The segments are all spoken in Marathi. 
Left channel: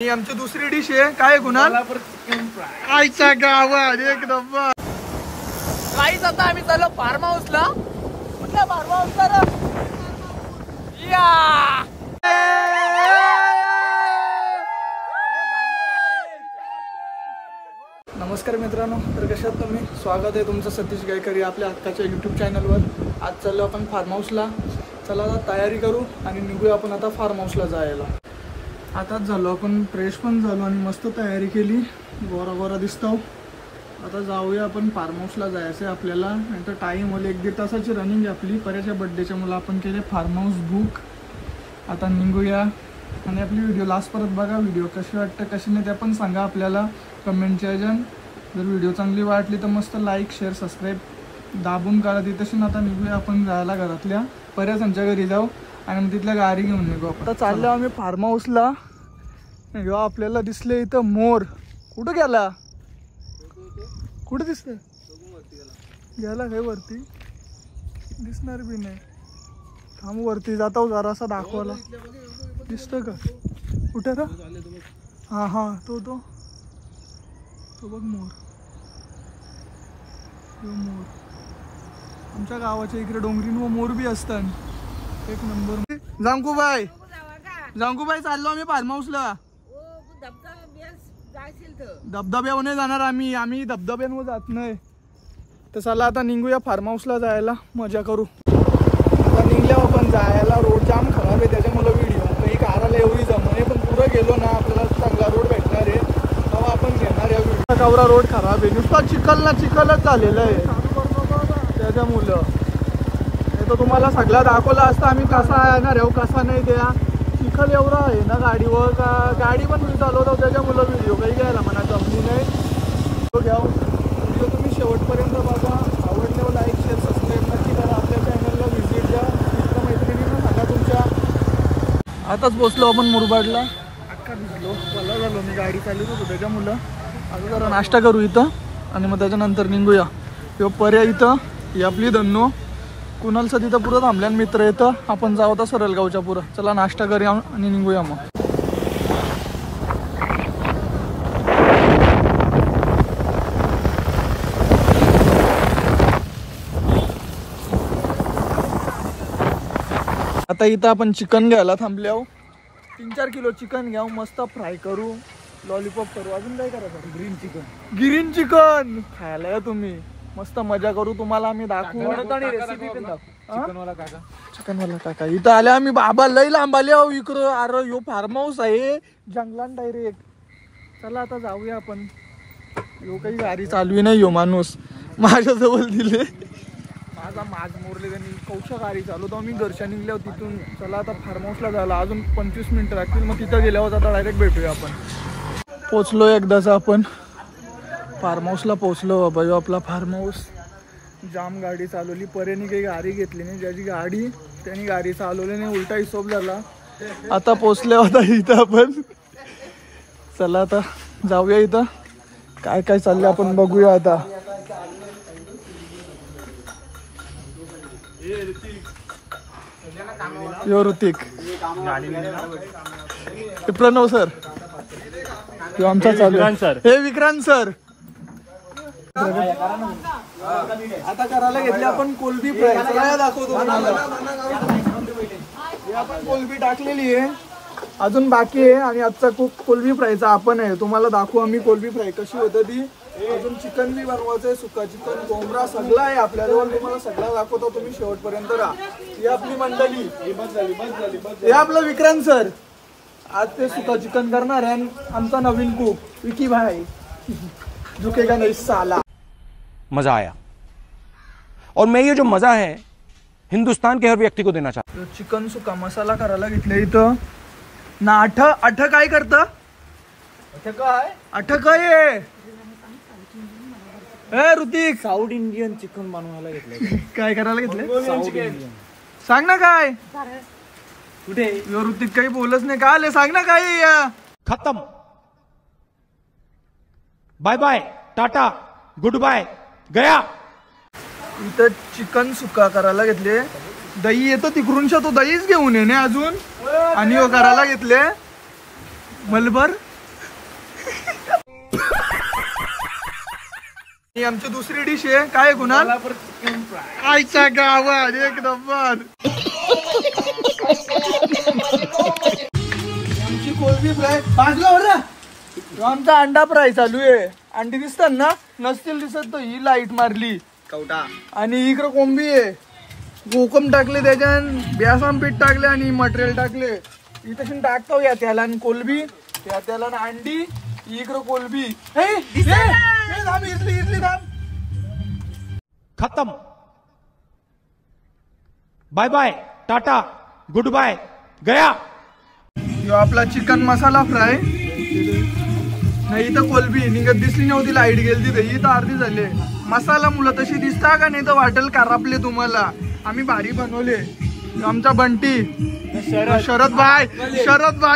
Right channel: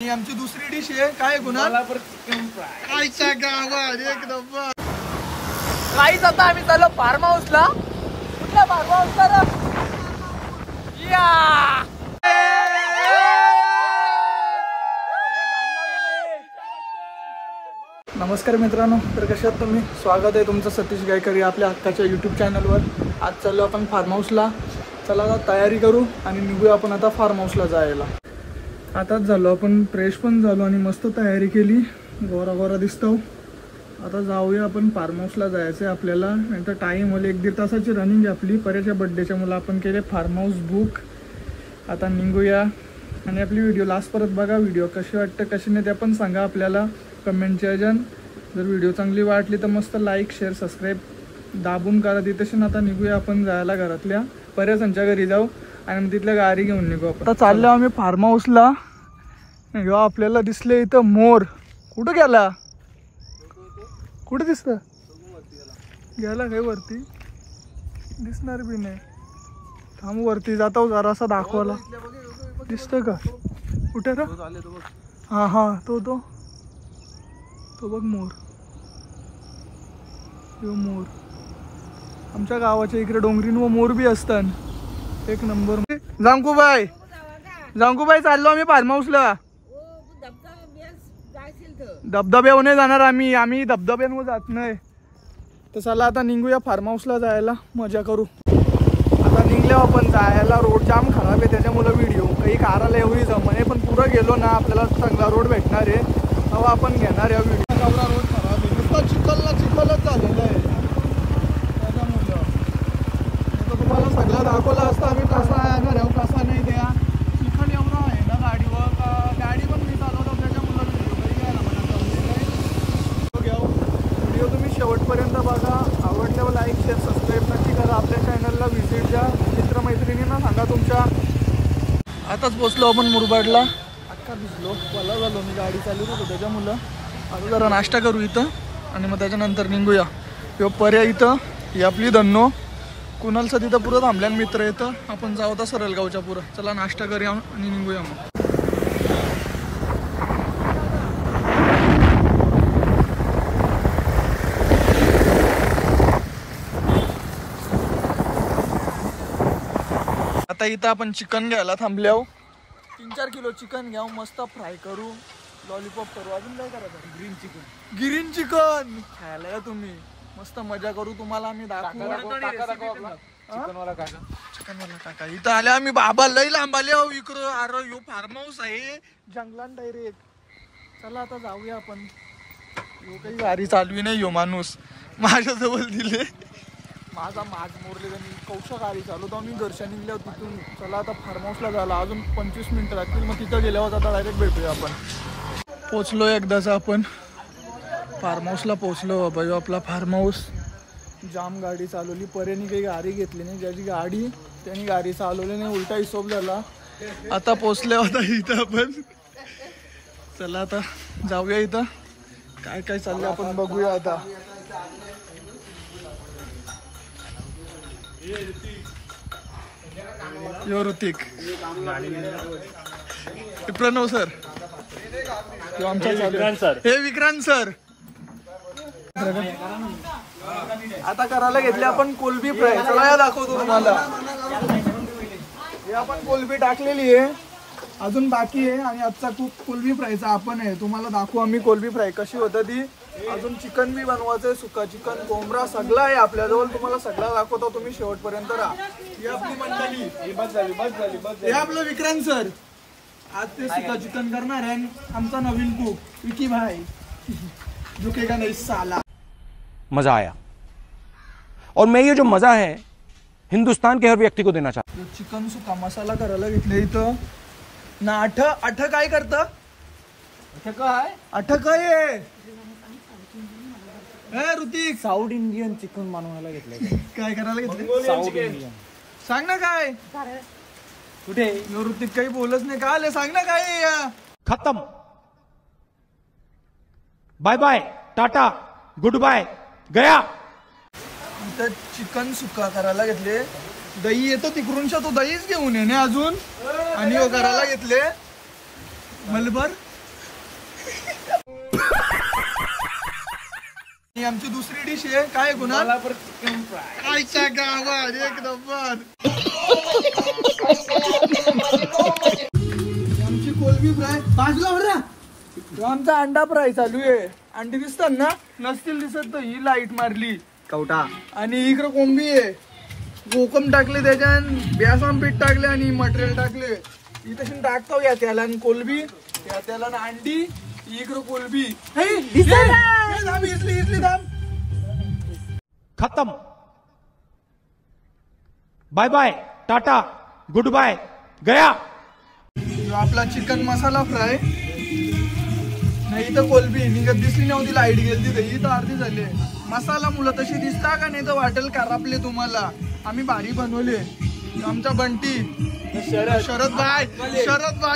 ही आमची दुसरी डिश आहे. काय गुन्हा आईच्या गावात एकदम काहीच. आता आम्ही चाललो फार्म हाऊसला. कुठल्या फार्म हाऊसला? नमस्कार मित्रांनो, तर कशात तुम्ही? स्वागत आहे तुमचं सतीश गायकरी आपल्या हक्काच्या यूट्यूब चॅनलवर. आज चाललो आपण फार्म हाऊसला. चला आता तयारी करू आणि निघूया आपण आता फार्म हाऊसला जायला. आताच झालो आपण फ्रेश पण झालो आणि मस्त तयारी केली. गोरा गोरा दिसतो. आता जाऊया आपण फार्म हाऊसला जायचं आहे आपल्याला. नंतर टाईम होईल 1-1.5 तासाची रनिंग आहे आपली. पर्याच्या बड्डेच्या मुलं आपण केले फार्म हाऊस बुक. आता निघूया आणि आपली व्हिडिओ लास्ट परत बघा. व्हिडिओ कशी वाटते कशी नाही ते पण सांगा आपल्याला कमेंटच्या ह्याच्यान. जर व्हिडिओ चांगली वाटली तर मस्त लाईक शेअर सबस्क्राईब दाबून करा. तिथेशी आता निघूया आपण जायला घरातल्या पर्यासांच्या घरी जाऊ आणि मग तिथल्या गाडी घेऊन निघू. आता चाललो आम्ही फार्म हाऊसला. आपल्याला दिसले इथं मोर. कुठं गेला? कुठं दिसत? गेला काय वरती? दिसणार बी नाही. थांब वरती जातो जरासा दाखवायला. दिसतं का? कुठे रा? हा हा तो तो तो बघ मोर. यो मोर. आमच्या गावाच्या इकडे डोंगरीन व मोर बी असतात. एक नंबर. जांकूबाई चाललो आम्ही फार्म हाऊसला. धबधब्यावर नाही जाणार आम्ही धबधब्यांवर जात नाही. तर चला आता निघूया फार्म हाऊसला जायला. मजा करू. आता निघल्या आपण जायला. रोड जाम खराब आहे त्याच्यामुळे व्हिडिओ काही काराला एवढी जमणे. पण पुढं गेलो ना आपल्याला चांगला रोड भेटणार आहे तेव्हा आपण घेणार आहे व्हिडिओ. कवरा रोड खराब आहे. नुसता चिखलच झालेलं आहे त्याच्यामुळं. नाही तर तुम्हाला सगळा दाखवला असता आम्ही कसा येणार आहे कसा नाही. द्या चिखल एवढा आहे ना गाडीवर का गाडी पण मी चालवतो त्याच्यामुळं व्हिडिओ काही घ्यायला म्हणा जमली नाही. तो घ्या व्हिडिओ तुम्ही शेवटपर्यंत बघा. आवडल्यावर लाईक शेअर सबस्क्राईब नक्की करा. आपल्या चॅनलला व्हिजिट द्या. मित्रमैत्रिणींना सांगा तुमच्या. आताच पोचलो आपण मुरबाडला. अक्का भिजलो मला झालो. मी गाडी चालवत होतो त्याच्यामुळं. आता जरा नाश्ता करू इथं आणि मग त्याच्यानंतर निघूया. किंवा पर्या इथं ही आपली धन्नो. कुणालचं तिथं पुरं थांबल्यान मित्र येतं. आपण जाऊ आता सरलगावच्या पुरं. चला नाश्ता करूया आणि निघूया मग. आता इथं आपण चिकन घ्यायला थांबले आहो. 3-4 किलो चिकन घ्याव. मस्त फ्राय करू. लॉलीपॉप करू. अजून काय करायचं? ग्रीन चिकन खायला या तुम्ही. मस्त मजा करू. तुम्हाला आम्ही दाखवू. चिकनवाला काका इथं आले. आम्ही बाबा लई लांब आले हो इकडं. अरे यो फार्म हाऊस आहे जंगलात डायरेक्ट. चला आता जाऊया आपण. यो काही गाडी चालवी नाही. यो माणूस माझ्याजवळ दिले. माझ मोरले त्यांनी कौशा गाडी चालवतो. आम्ही घरच्या निघल्यावर तिथून. चला आता फार्म हाऊसला झाला. अजून 25 मिनिटं लागतील. मग तिथं गेल्यावर आता डायरेक्ट भेटूया आपण. पोचलो एकदाच आपण फार्म हाऊसला पोचलो. बाबा यो आपला फार्म हाऊस. जाम गाडी चालवली. पर्यानी काही गाडी घेतली नाही. ज्याची गाडी त्यांनी गाडी चालवली नाही. उलटा हिशोब झाला. आता पोचले होता इथं आपण. चला आता जाऊया. इथं काय काय चाललंय आपण बघूया आता. यो ऋतिक. प्रणव सर. आमचा हे विक्रांत सर. आता करायला घेतले आपण कोलबी फ्राय. चला दाखवतो तुम्हाला. आपण कोलबी टाकलेली आहे. अजून बाकी आहे आणि आजचा कोलबी फ्रायचा आपण आहे. तुम्हाला दाखवू आम्ही कोलबी फ्राय कशी होतं ती. अजून चिकन बी बनवायचंय. सुका चिकन कोंबडा सगळं आहे आपल्याजवळ. तुम्हाला सगळं दाखवतो. तुम्ही शेवटपर्यंत राहा. ही आपली मंडळी. हे आपलं विक्रांत सर. आज ते सुका चिकन करणार आहे. आमचा नवीन कुक विकी भाई. झुकेगा नहीं साला. मजा आया और मैं ये जो मजा है हिंदुस्तान के हर व्यक्ति को देना चाहता हूं. चिकन सुका मसाला करायला घेतले इथं ना. अठ काय करता? अठ काय ऋतिक? साऊथ इंडियन चिकन बनवायला घेतलं. काय करायला घेतले? South Indian. सांग ना काय. कुठे यो ऋतिक काही बोलच नाही. का आले सांग ना काय. खत्म. Bye bye tata good bye गया. इथं चिकन सुका करायला घेतले. दही येतो तिकडूनच्या. तो दहीच घेऊन येणे अजून. आणि करायला घेतले मलबर ही आमची दुसरी डिश आहे. काय गुन्हा चिकन फ्राय. आईच्या गावात एक नंबर. आमची कोलबी फ्राय भाजला होता. आमचा अंडा फ्राय चालू आहे. अंडी दिसतात ना, नसतील दिसत तो ही लाईट मारली कवटा. आणि इकडे कोंबी आहे. कोकम टाकले त्याच्यात, बेसन पीठ टाकले आणि मटेरियल टाकले. इथं टाकतो या त्याला कोलबी, या त्याला अंडी, इकडे कोलबी. इथली दाम खत्म. Bye bye, tata, good bye, गया. जो आपला चिकन मसाला फ्राय. नाही इथं कोलबी निघत दिसली नव्हती, लाईट गेली तिथे. इथं अर्धी झाले. मसाला मुलं तशी दिसता का नाही तर वाटेल खराबले तुम्हाला. आम्ही भारी बनवले. आमचा बंटी, शरद भाई,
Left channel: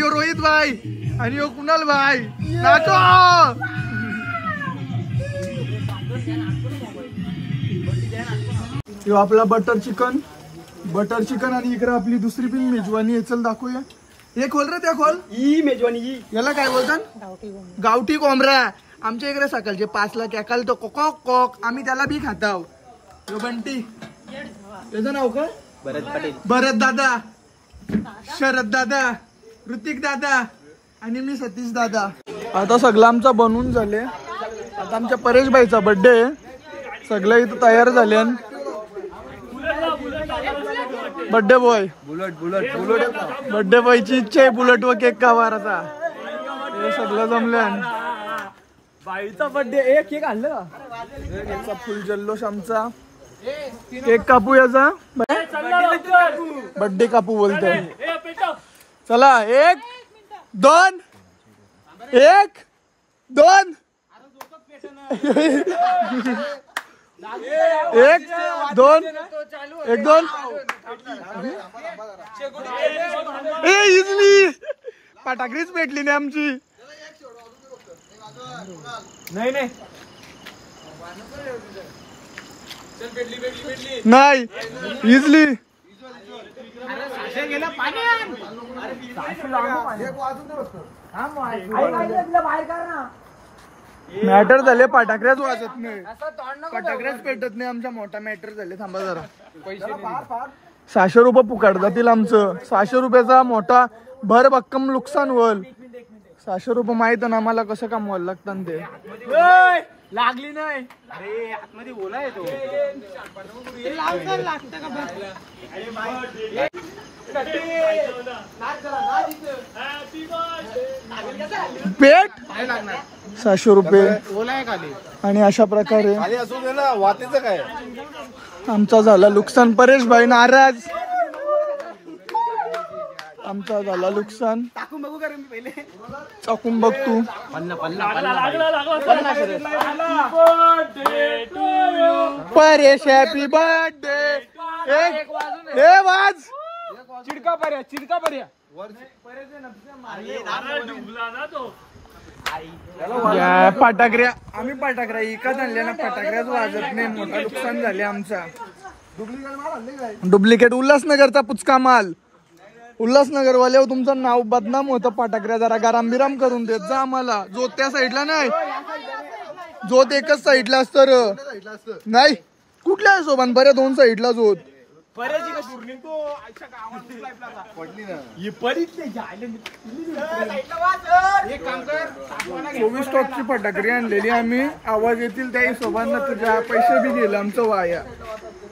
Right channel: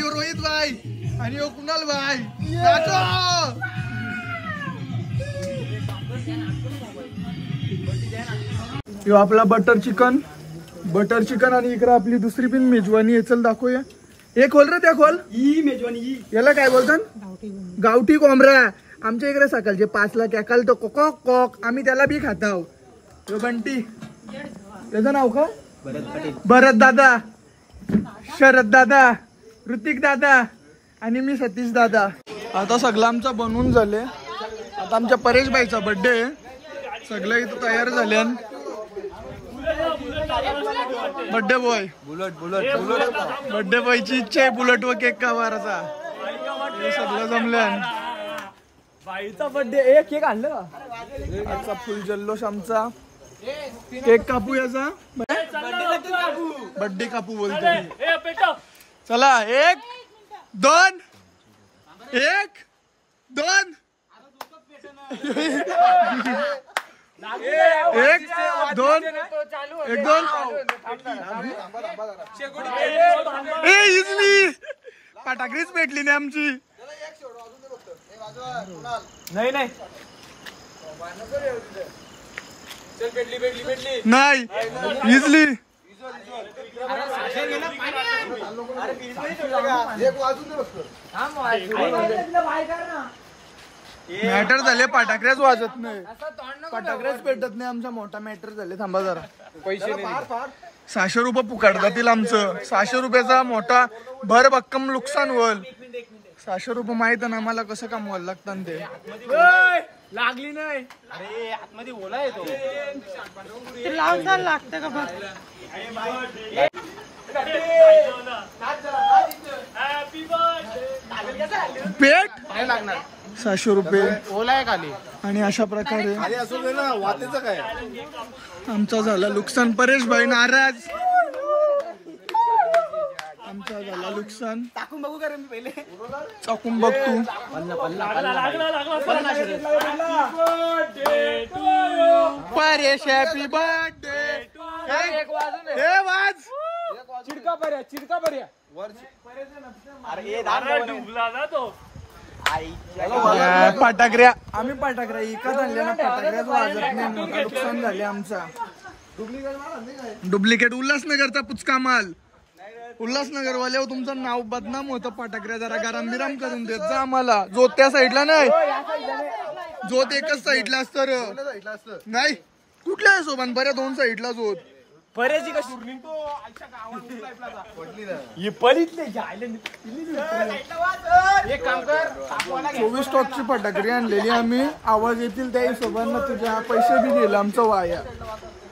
रोहित भाई आणि कुणाल भाई नाचो. यो आपला बटर चिकन आणि इकडे आपली दुसरी पण मेजवानी आहे. चल दाखवूया. हे खोल रे, त्या खोल. ही मेजवानी याला काय बोलतात? गावठी कोंबरा. आमच्या इकडे सकाळचे 5ला कॅकल तो कोक कोक, आम्ही त्याला बी खाताव. यो बंटी, त्याचं नाव का? भरत दादा, शरद दादा, ऋतिक दादा आणि मी सतीश दादा. आता सगळं आमचा बनवून झाले. आता आमच्या परेश भाईचा बर्थडे आहे. सगळं इथं तयार झाले. बर्थडे बॉय बुलेट बर्थडे बॉयची इच्छा आहे बुलेट व केक कावाराचा. हे सगळं जमलं. बाईचा बर्थडे. एक केक आणलं का? आजचा फुल जल्लोष आमचा. केक कापू याचा. बर्थडे कापू बोलतो. चला 1 2 1 2 1 2 1 2. इजली फटाकरीच भेटली नाही आमची. नाही नाही इजली. मॅटर झाले. फटाकऱ्याच वाजत नाही, फटाकऱ्याच पेटत नाही. आमचा मोठा मॅटर झाले. थांबा जरा. पैसे 600 रुपये पुकाड जातील आमचं. 600 रुपयाचा मोठा भर भक्कम नुकसान होईल. 600 रुपये माहित आहे ना आम्हाला कसं कमवायला लागतात ते. लागली नाही. अरे आतमध्ये बोला आहे तो. लागतं का बघ. पेट 600 रुपये. आणि अशा प्रकारे आमचा झाला नुकसान. परेश भाई नाराज. आमचा झाला नुकसान. टाकून बघू का रे मी पहिले. चाकून बघ तू. Paresh happy birthday. हे वाज चिडका पर्या. फटाकऱ्या आम्ही फटाकऱ्या इकत आणल्या ना. फटाकऱ्याच वाजत नाही. मोठा नुकसान झाले आमचा. डुप्लिकेट उल्हासनगरचा पुचका माल. उल्हासनगर वाल्यावर तुमचं नाव बदनाम होतं. फटाकऱ्या जरा गरम बिराम करून देत जा आम्हाला. जोत त्या साईडला नाही, जोत एकच साईडला असतं. नाही कुठल्या सोबत बऱ्या 2 साईडला जोत. 24 स्टॉकची फटाकडी आणलेली आम्ही. आवाज येतील त्या हिशोबानं तुझ्या पैसे बी गेलं आमचं वाया.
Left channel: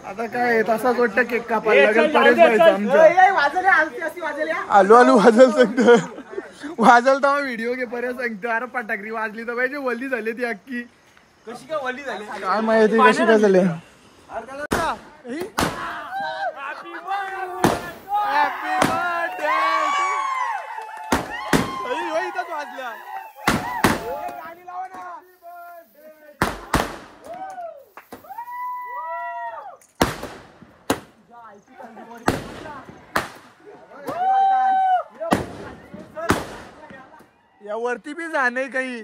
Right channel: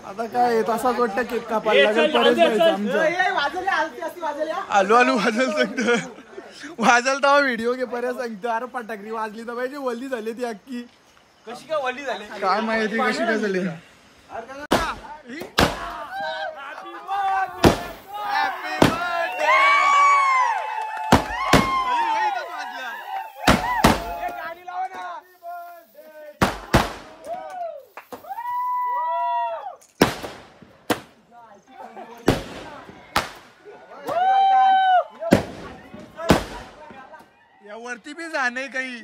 आता काय तसाच वाटतं केक कापायला लागेल. परेश व्हायचं आमचं. आलू वाजल सांगतो. वाजल तेव्हा व्हिडिओ घे. पर्यंत सांगतो अरे फटाकडी वाजली तर पाहिजे. वल्ली झाली ती अख्खी. कशी काय वल्ली झाली काय माहिती कशी काय झाली. Happy birthday. वाजल्या. या वरती बी जाणे काही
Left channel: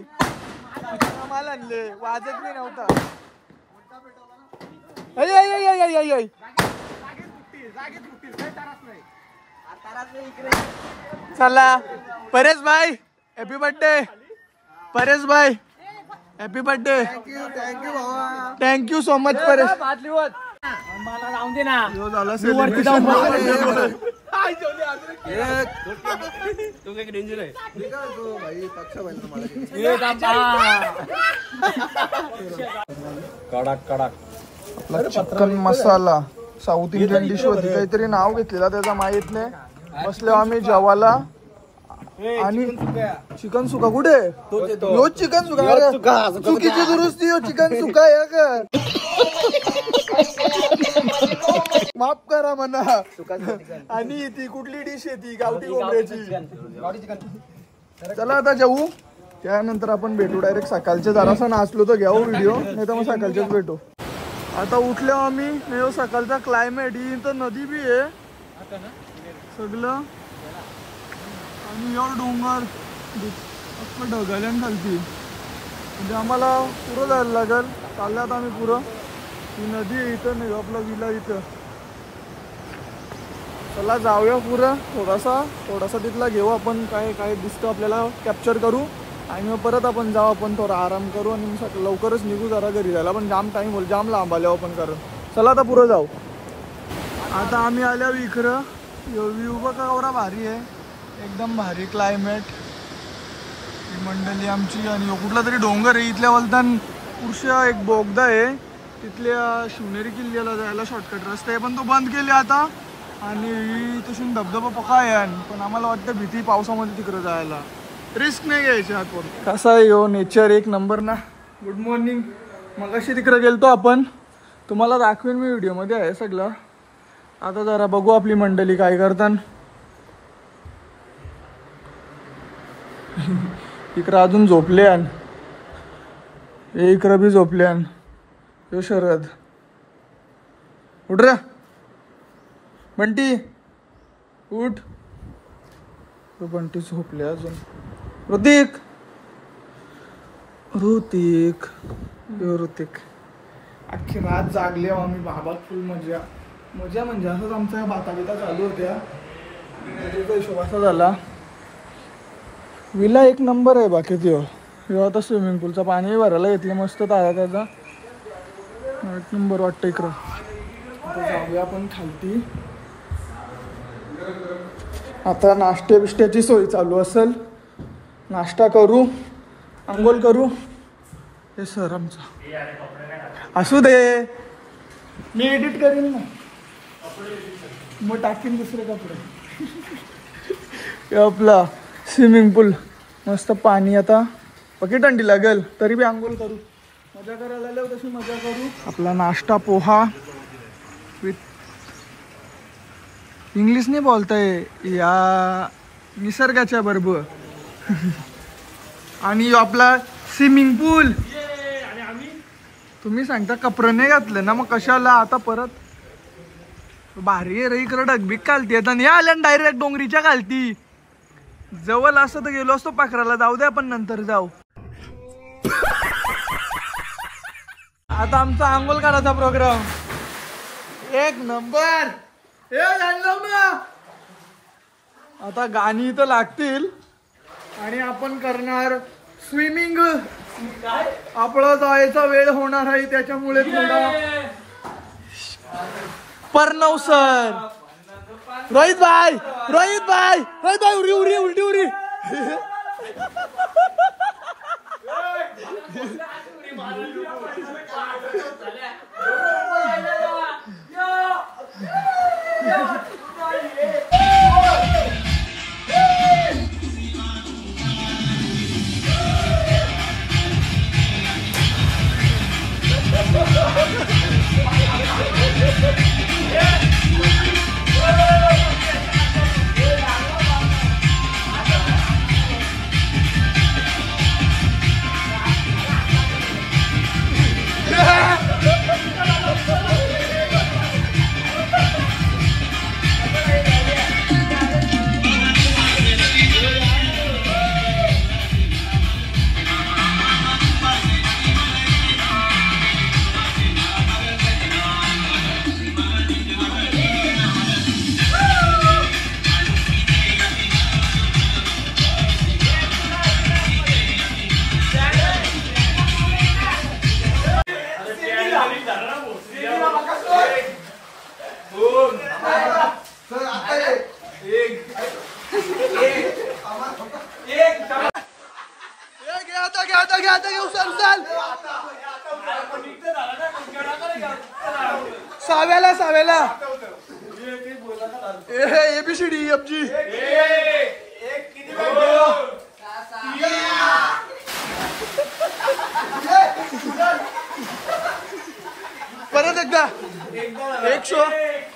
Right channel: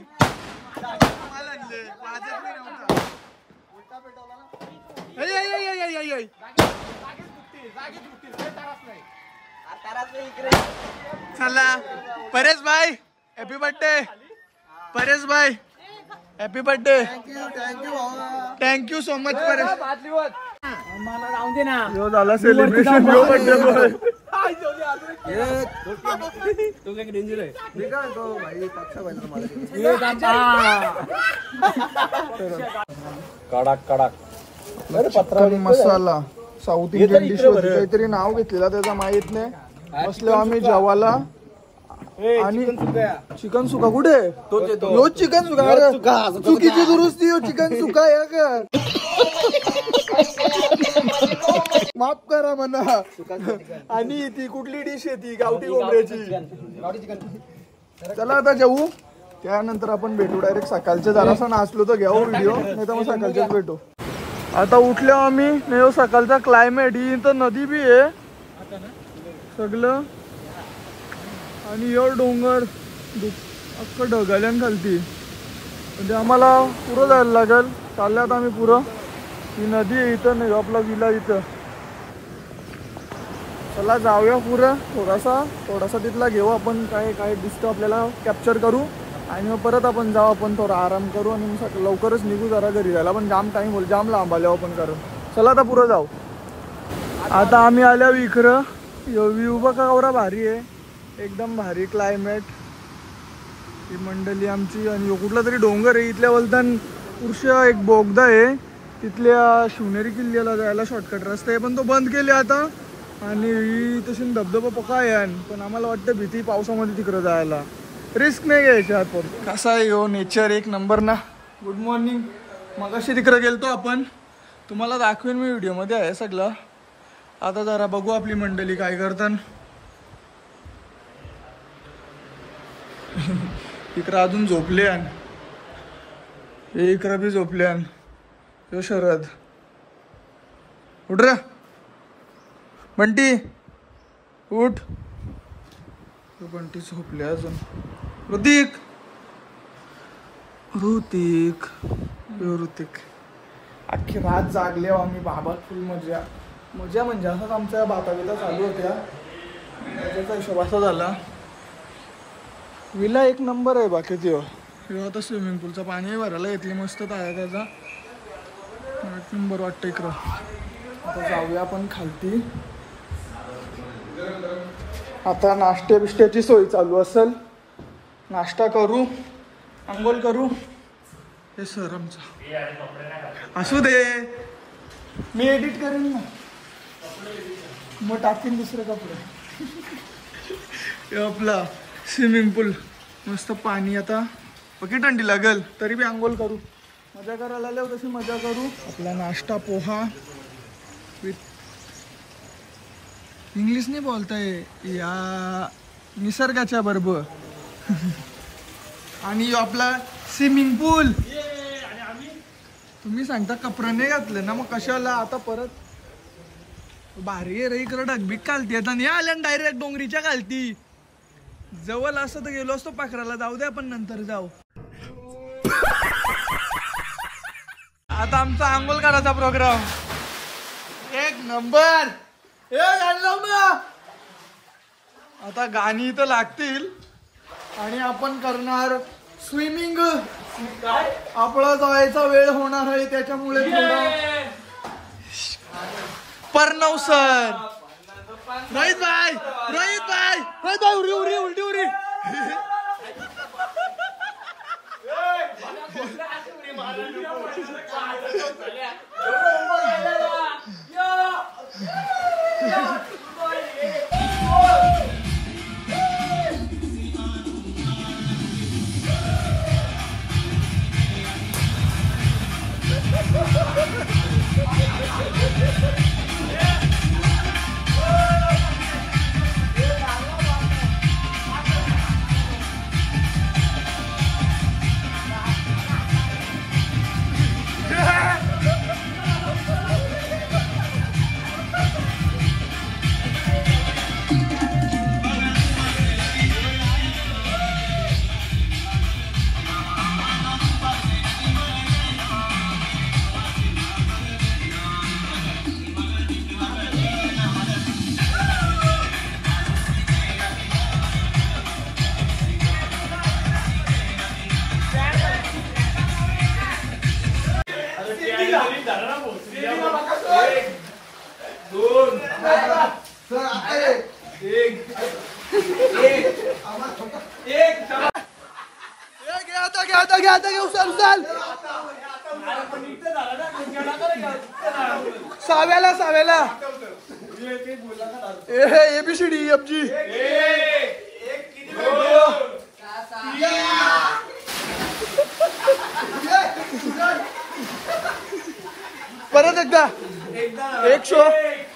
माल आणले. वाजत बी नव्हता. चला परेश भाई हॅपी बर्थडे. परेश भाई हॅपी बर्थडे. थँक्यू भावा. Thank you so much Paresh. मला राहून दे ना. यो झाला सेलिब्रेशन. यो बर्थडे बॉय. तो काय डेंजर आहे. चिकन मसाला साऊथ इंडियन डिश होती, काहीतरी नाव घेतलेला त्याचा माहित नाही. बसलो आम्ही जेवायला. आणि चिकन सुका कुठे? रोज चिकन सुका. चुकीची दुरुस्ती हो. चिकन सुका या का? माफ करा म्हणा. आणि ती कुठली डिश आहे ती? गावठी कोंबड्याची. चला आता जाऊ. त्यानंतर आपण भेटू डायरेक्ट सकाळचे. जरासा नाचलो तर घ्यावं व्हिडिओ, नाही तर मग सकाळचेच भेटू. आता उठल्या आम्ही. नाही सकाळचा क्लायमेट. ही तर नदी बी आहे सगळं. आणि एवढं डोंगर अख्खं ढगाल्यान खालती. म्हणजे आम्हाला पुरं जायला लागेल. चालल्यात आम्ही पुरं. ही नदी आहे इथं. नाही आपला विला इथं. चला जाऊया पुरं. थोडासा तिथला घेऊ आपण. काय काय दिसतं आपल्याला कॅप्चर करू. आणि मग परत आपण जाऊ. आपण थोडा आराम करू आणि मग लवकरच निघू जरा घरी जायला. पण जाम टाईम होईल. जाम लांब आल्यावर आपण करू. चला आता पुरं जाऊ. आता आम्ही आल्या विखरं. व्ह्यू बघा एवढा भारी आहे. एकदम भारी क्लायमेट. ही मंडळी आमची. आणि कुठला तरी डोंगर आहे इथल्या वलतान. पुरुषा एक बोगदा आहे. तिथल्या शिवनेरी किल्ल्याला जायला शॉर्टकट रस्ता आहे, पण तो बंद केले आता. आणि तशी धबधबा पका आहे. पण आम्हाला वाटतं भीती पावसामध्ये तिकडं जायला. रिस्क नाही घ्यायची आपण. कसा आहे हो नेचर. एक नंबर ना. Good morning. मगाशी तिकडे गेलतो आपण. तुम्हाला दाखवेन मी व्हिडिओमध्ये आहे सगळं. आता जरा बघू आपली मंडळी काय करतात. इकडं अजून झोपल्यान. हे इकडं बी झोपल्यान. यो शरद उठ रे. बंटी उठ. बंटी झोपले अजून. ऋतिक अख्खी रात जागले आम्ही. बाबा फुल मजा म्हणजे असंच आमच्या बाता चालू होत्या. मजेचा हिशोब असा झाला. विला एक नंबर आहे. बाकी तो आता स्विमिंग पूलचा पाणी भरायला घेतले मस्त ताजा त्याचा. एक नंबर वाटतं इकडं. आता जाऊया आपण खालती. आता नाश्ते बिष्ट्याची सोय चालू असेल. नाश्ता करू, अंघोळ करू. हे सर आमचा असू दे. मी एडिट करीन ना. मग टाकीन दुसरे कपडे. आपला स्विमिंग पूल मस्त पाणी. आता पकी थंडी लागेल तरी बी आंघोळ करू. मजा करायला आल्यावर तशी मजा करू. आपला नाश्ता पोहा विथ इंग्लिश नाही बोलताय या निसर्गाच्या बरोबर. आणि आपला स्विमिंग पूल. तुम्ही सांगता कपडे नाही घातले ना मग कशाला. आता परत भारी रे. इकडं ढगबीक खालती येत. आणि आल्या डायरेक्ट डोंगरीच्या खालती. जवळ असं तर गेलो असतो पाखराला. जाऊ दे आपण नंतर जाऊ. आता आमचा आंघोळ करायचा प्रोग्राम एक नंबर. आता गाणी तर लागतील आणि आपण करणार स्विमिंग. आपला जायचा वेळ होणार आहे त्याच्यामुळे थोडा पर्णव सर. रोहित भाई उरी साव्याला साव्याला ABCD FG परत एकदा 100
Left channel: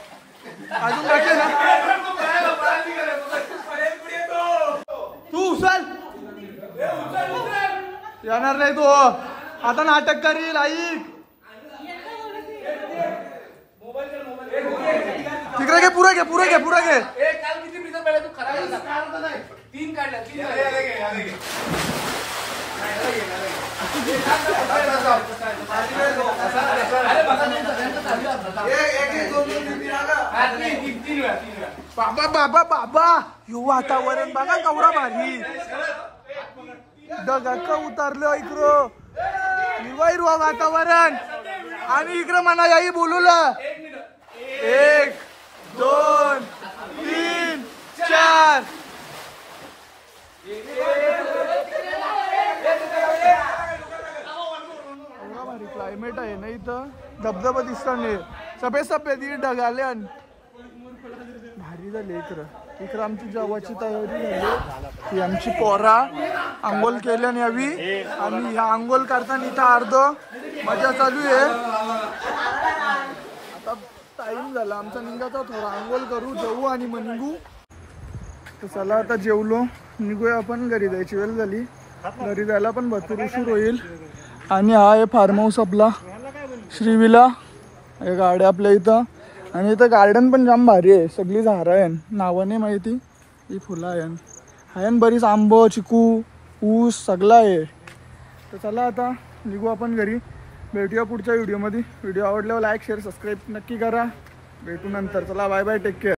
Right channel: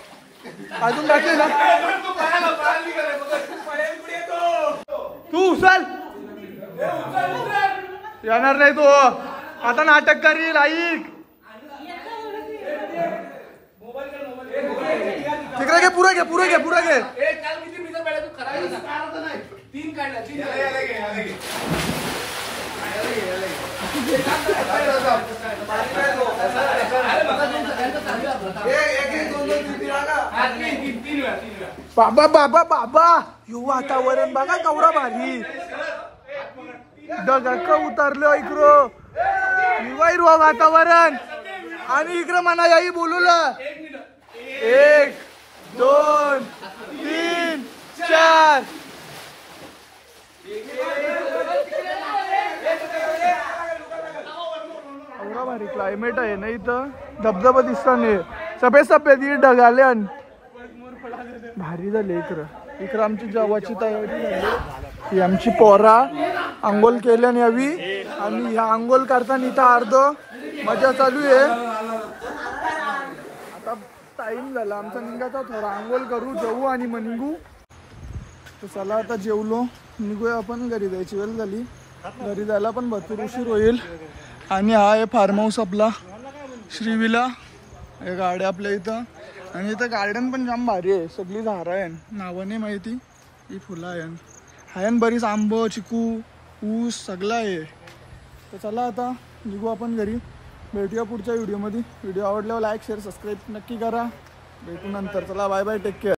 अजून बाकी ना तू उचल येणार नाही तो आता नाटक करील ऐक तिकडे घे पुरे घे पुरे घे पुरे घे बाबा बाबा बाबा यू वातावरण बघा कवरा भारी ढगाक उतरलं इकडं हिरवा वातावरण आणि इकडं म्हणा याही बोलूला 1 2 3 4 एवढा भारी क्लायमेट आहे ना इथं धबधबा दिसता नाही सफेद सफेद ढग आले आणि भारी झाले इकडं आमची जेवायची तयारी झाली ही आमची पोरा आंघोळ केल्याने यावी आणि ह्या आंघोळ करताना इथं अर्ध मजा चालू आहे आता टाइम झाला आमचा निघायचा थोडा आंघोळ करू जेवू आणि मग निघू तर चला आता जेवलो निघूया आपण घरी जायची वेळ झाली घरी जायला पण भरपूर उशीर होईल आणि हा आहे फार्म हाऊस आपला श्रीविला हे गाड्या आपल्या इथं आणि इथं गार्डन पण जाम भारी आहे सगळी झाडं आहे नावं नाही माहिती ही फुलं आहे बरीच आंब चिकू ऊस सगळं आहे तर चला आता निघू आपण घरी भेटूया पुढच्या व्हिडिओमध्ये व्हिडिओ आवडल्यावर लाईक शेअर सबस्क्राईब नक्की करा भेटू नंतर चला बाय बाय टेक केअर